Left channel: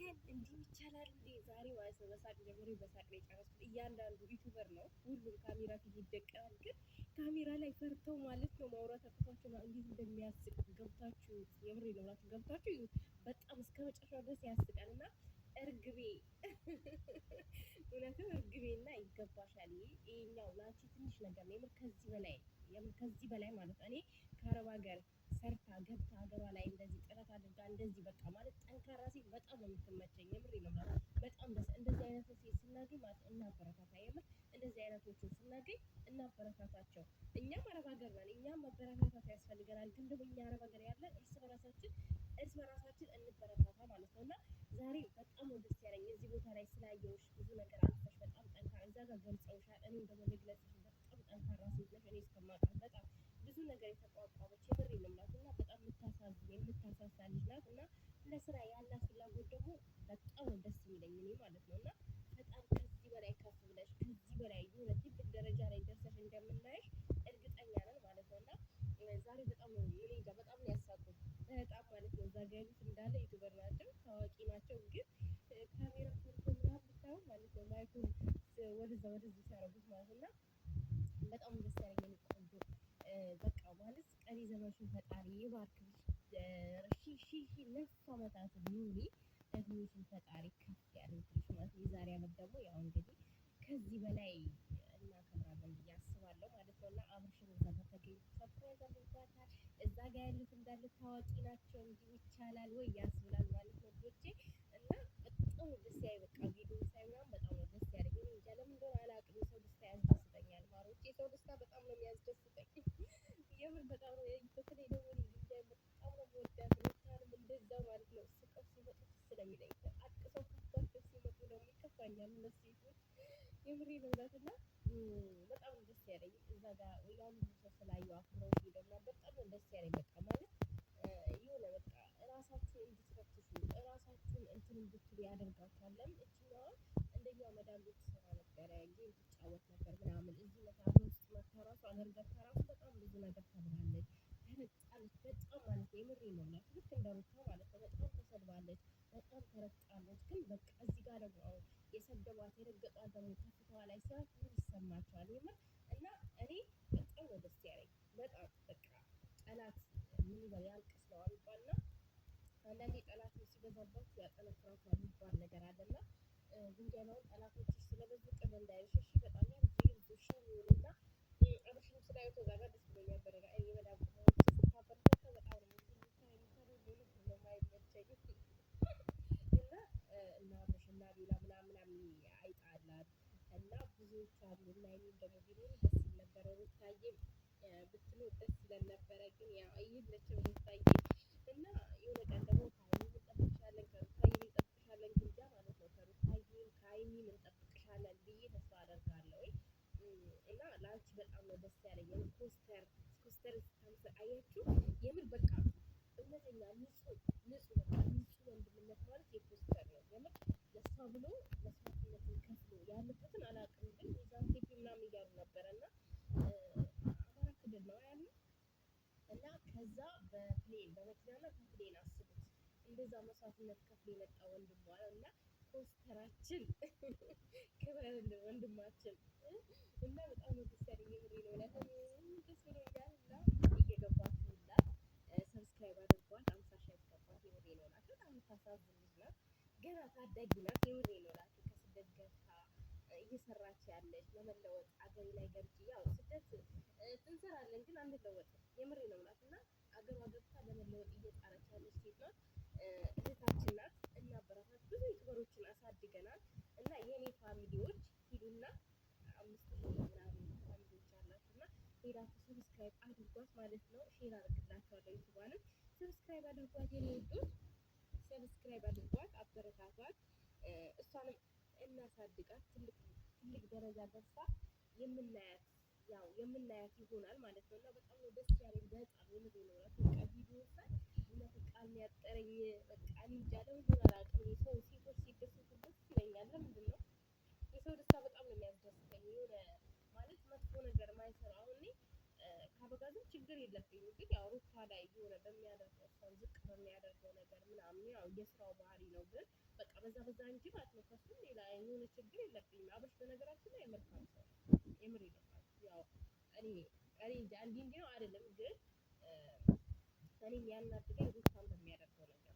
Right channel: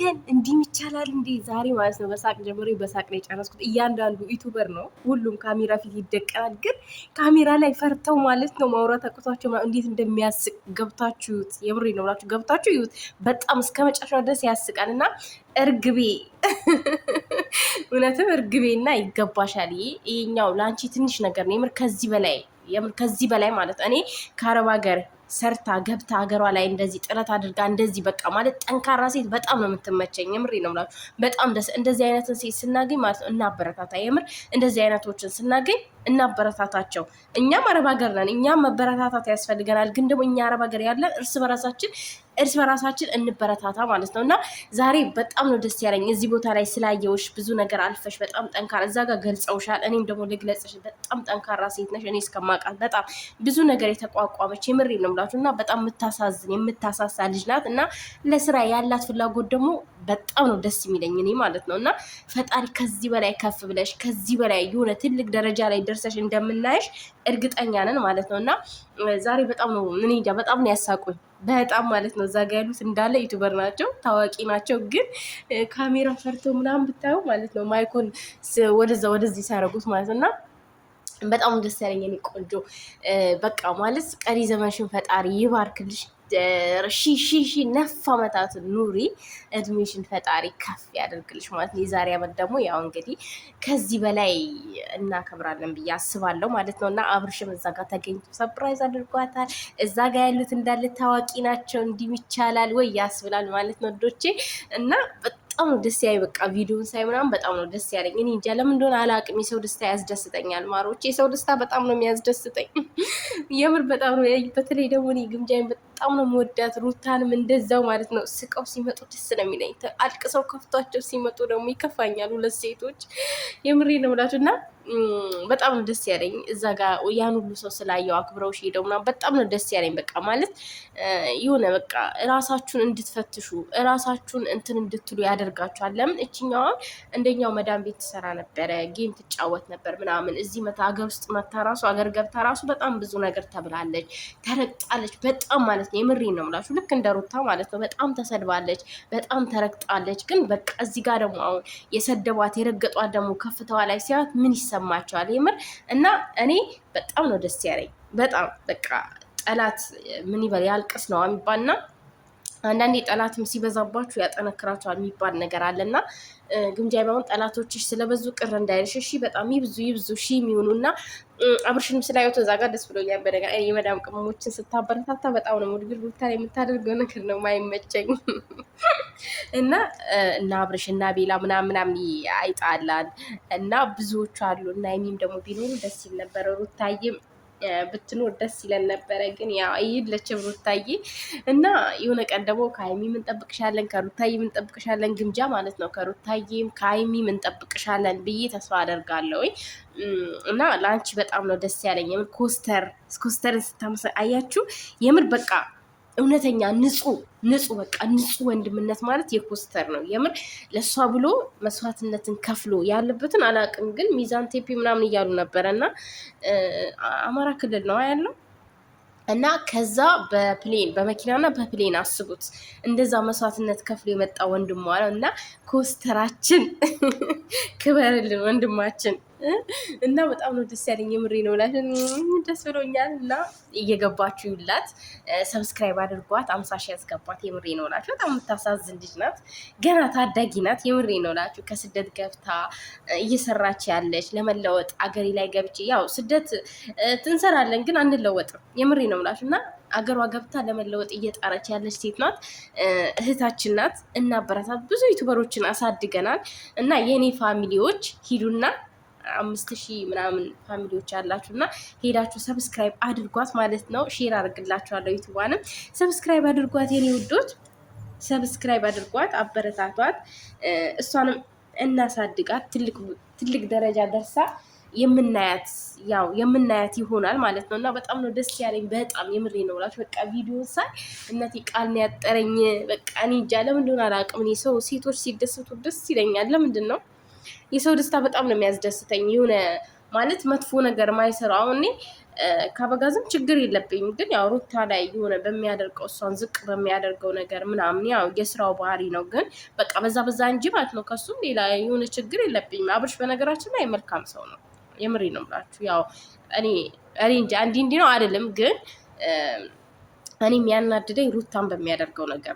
ወገን እንዲህ ይቻላል እንዴ? ዛሬ ማለት ነው በሳቅ ጀምሬ በሳቅ ነው የጨረስኩት። እያንዳንዱ ዩቱበር ነው ሁሉም ካሜራ ፊት ይደቀናል፣ ግን ካሜራ ላይ ፈርተው ማለት ነው ማውራት አቅቷቸው እንዴት እንደሚያስቅ ገብታችሁት፣ የምሬ ነው ብላችሁ ገብታችሁ ይዩት። በጣም እስከ መጨረሻው ድረስ ያስቃል። እና እርግቤ እውነትም እርግቤና ይገባሻል። ይሄኛው ለአንቺ ትንሽ ነገር ነው የምር ከዚህ በላይ ማለት እኔ ከአረብ ሀገር ሰርታ ገብታ ሀገሯ ላይ እንደዚህ ጥረት አድርጋ እንደዚህ በቃ ማለት ጠንካራ ሴት በጣም ነው የምትመቸኝ። የምሬ ነው የምላችሁ። በጣም ደስ እንደዚህ አይነትን ሴት ስናገኝ ማለት ነው እናበረታታ። የምር እንደዚህ አይነቶችን ስናገኝ እናበረታታቸው። እኛም አረብ ሀገር ነን፣ እኛም መበረታታት ያስፈልገናል። ግን ደግሞ እኛ አረብ ሀገር ያለን እርስ በራሳችን እንበረታታ ማለት ነው። እና ዛሬ በጣም ነው ደስ ያለኝ እዚህ ቦታ ላይ ስላየውሽ። ብዙ ነገር አልፈሽ በጣም ጠንካራ እዛ ጋር ገልጸውሻል። እኔም ደግሞ ልግለጽሽ፣ በጣም ጠንካራ ሴት ነሽ። እኔ እስከማውቃት በጣም ብዙ ነገር የተቋቋመች የምሬ ነው የምላችሁ። እና በጣም የምታሳዝን የምታሳሳ ልጅ ናት። እና ለስራ ያላት ፍላጎት ደግሞ በጣም ነው ደስ የሚለኝ እኔ ማለት ነው። እና ፈጣሪ ከዚህ በላይ ከፍ ብለሽ ከዚህ በላይ የሆነ ትልቅ ደረጃ ላይ ደርሰሽ እንደምናይሽ እርግጠኛ ነን ማለት ነው። እና ዛሬ በጣም ነው እኔ እንጃ በጣም ነው ያሳቁኝ በጣም ማለት ነው። እዛ ጋ ያሉት እንዳለ ዩቱበር ናቸው፣ ታዋቂ ናቸው። ግን ካሜራ ፈርተው ምናምን ብታየው ማለት ነው ማይኮን ወደዚህ ሲያደርጉት ማለት ነው። እና በጣም ደስ ያለኝ የኔ ቆንጆ በቃ ማለት ቀሪ ዘመንሽን ፈጣሪ ይባርክልሽ። ሺ ነፍ ዓመታት ኑሪ፣ እድሜሽን ፈጣሪ ከፍ ያደርግልሽ ማለት ነው። የዛሬ ዓመት ደግሞ ያው እንግዲህ ከዚህ በላይ እናከብራለን ብዬ አስባለሁ ማለት ነው። እና አብርሽም እዛ ጋር ተገኝቶ ሰፕራይዝ አድርጓታል። እዛ ጋር ያሉት እንዳለ ታዋቂ ናቸው። እንዲህ ይቻላል ወይ ያስብላል ማለት ነው ዶቼ። እና በጣም ነው ደስ ያለኝ በቃ ቪዲዮን ሳይ ምናምን በጣም ነው ደስ ያለኝ። እኔ እንጃ ለምን እንደሆነ አላውቅም። የሰው ደስታ ያስደስተኛል ማሮቼ፣ የሰው ደስታ በጣም ነው የሚያስደስተኝ የምር በጣም ነው። በተለይ ደግሞ እኔ ግምጃዬን በጣም ነው የምወዳት፣ ሩታንም እንደዛው ማለት ነው። ስቀው ሲመጡ ደስ ነው የሚለኝ፣ አልቅሰው ከፍቷቸው ሲመጡ ደግሞ ይከፋኛል። ሁለት ሴቶች የምሬ ነው ብላችሁ እና በጣም ነው ደስ ያለኝ። እዛ ጋር ያን ሁሉ ሰው ስላየው አክብረው ሄደው ምናምን በጣም ነው ደስ ያለኝ። በቃ ማለት የሆነ በቃ እራሳችሁን እንድትፈትሹ እራሳችሁን እንትን እንድትሉ ያደርጋችኋል። ለምን እችኛዋ እንደኛው መዳም ቤት ትሰራ ነበረ፣ ጌም ትጫወት ነበር ምናምን። እዚህ መታ ሀገር ውስጥ መታ ራሱ ሀገር ገብታ ራሱ በጣም ብዙ ነገር ተብላለች፣ ተረግጣለች በጣም ማለት ነው። የምሬን ነው የምላችሁ። ልክ እንደ ሩታ ማለት ነው። በጣም ተሰድባለች፣ በጣም ተረግጣለች። ግን በቃ እዚህ ጋር ደግሞ አሁን የሰደቧት የረገጧት ደግሞ ከፍተዋ ላይ ሲያዩት ምን ይሰማቸዋል? የምር እና እኔ በጣም ነው ደስ ያለኝ። በጣም በቃ ጠላት ምን ይበል ያልቅስ ነው የሚባልና አንዳንዴ ጠላትም ሲበዛባችሁ ያጠነክራችኋል የሚባል ነገር አለና ግምጃ ባሁን ጠላቶችሽ ስለበዙ ቅር እንዳይልሽ እሺ። በጣም ይብዙ ሺ የሚሆኑና አብርሽንም ስላየው እዛ ጋር ደስ ብሎኛል። በነገር የመዳም ቅመሞችን ስታበረታታ በጣም ነው ሙድግር ሩታ የምታደርገው ነገር ነው ማይመቸኝ እና አብርሽ እና ቤላ ምናምን አይጣላል እና ብዙዎቹ አሉ እና የሚም ደግሞ ቢኖሩ ደስ ይል ነበረ። ሩታዬም ብትኖር ደስ ይለን ነበረ። ግን ያው አይለችም ሩታዬ። እና የሆነ ቀን ደግሞ ከሀይሚም እንጠብቅሻለን ከሩታዬም እንጠብቅሻለን፣ ግምጃ ማለት ነው። ከሩታዬም ከሀይሚም እንጠብቅሻለን ብዬ ተስፋ አደርጋለሁ። እና ለአንቺ በጣም ነው ደስ ያለኝ የምር ኮስተርን ስታመሰ አያችሁ። የምር በቃ እውነተኛ ንጹህ በቃ ንጹህ ወንድምነት ማለት የኮስተር ነው። የምር ለእሷ ብሎ መስዋዕትነትን ከፍሎ ያለበትን አላውቅም፣ ግን ሚዛን ቴፒ ምናምን እያሉ ነበረ እና አማራ ክልል ነው ያለው እና ከዛ በመኪናና በፕሌን አስቡት፣ እንደዛ መስዋዕትነት ከፍሎ የመጣ ወንድሟ ነው። እና ኮስተራችን ክበርልን ወንድማችን። እና በጣም ነው ደስ ያለኝ የምሬ ነው ላሽን ደስ ብሎኛል። እና እየገባችሁ ይላት ሰብስክራይብ አድርጓት፣ 50 ሺህ ያስገባት። የምሬ ነው ላችሁ በጣም የምታሳዝን ልጅ ናት፣ ገና ታዳጊ ናት። የምሬ ነው ላችሁ ከስደት ገብታ እየሰራች ያለች ለመለወጥ አገሬ ላይ ገብቼ ያው ስደት እንሰራለን ግን አንለወጥም። የምሬ ነው ላችሁ እና አገሯ ገብታ ለመለወጥ እየጣረች ያለች ሴት ናት፣ እህታችን ናት። እና በረታት ብዙ ዩቱበሮችን አሳድገናል። እና የኔ ፋሚሊዎች ሂዱና 5000 ምናምን ፋሚሊዎች አላችሁ እና ሄዳችሁ ሰብስክራይብ አድርጓት ማለት ነው። ሼር አድርግላችኋለሁ። ዩቱባንም ሰብስክራይብ አድርጓት የኔ ውዶች፣ ሰብስክራይብ አድርጓት፣ አበረታቷት። እሷንም እናሳድጋት፣ ትልቅ ደረጃ ደርሳ የምናያት ይሆናል ማለት ነው። እና በጣም ነው ደስ ያለኝ በጣም የምሬ ነው ብላችሁ በቃ ቪዲዮ ሳይ እናቴ ቃል ነው ያጠረኝ። በቃ እኔ እንጃ ለምንድን ነው አላውቅም። እኔ ሴቶች ሲደሰቱ ደስ ይለኛል። ለምንድን ነው የሰው ደስታ በጣም ነው የሚያስደስተኝ። የሆነ ማለት መጥፎ ነገር ማይሰራው አሁን እኔ ከአበጋዝም ችግር የለብኝም። ግን ያው ሩታ ላይ የሆነ በሚያደርገው እሷን ዝቅ በሚያደርገው ነገር ምናምን ያው የስራው ባህሪ ነው። ግን በቃ በዛ እንጂ ማለት ነው። ከሱም ሌላ የሆነ ችግር የለብኝም። አብርሽ በነገራችን ላይ መልካም ሰው ነው። የምሬ ነው የምላችሁ። ያው እኔ እንጂ እንዲህ ነው አይደለም። ግን እኔ የሚያናድደኝ ሩታን በሚያደርገው ነገር